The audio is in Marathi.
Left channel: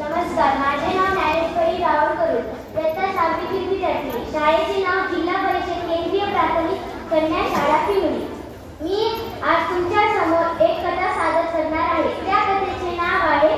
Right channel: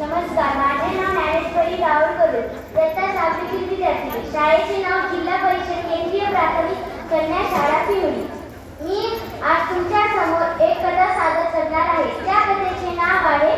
नमस्कार, माझे नाव ज्ञानेश्वरी राहुल करू, इयत्ता 6वीतील विद्यार्थी. शाळेचे नाव जिल्हा परिषद केंद्रीय प्राथमिक कन्या शाळा पिंपरी. मी आज तुमच्या समोर एक कथा सादर करणार आहे. त्या कथेचे नाव आहे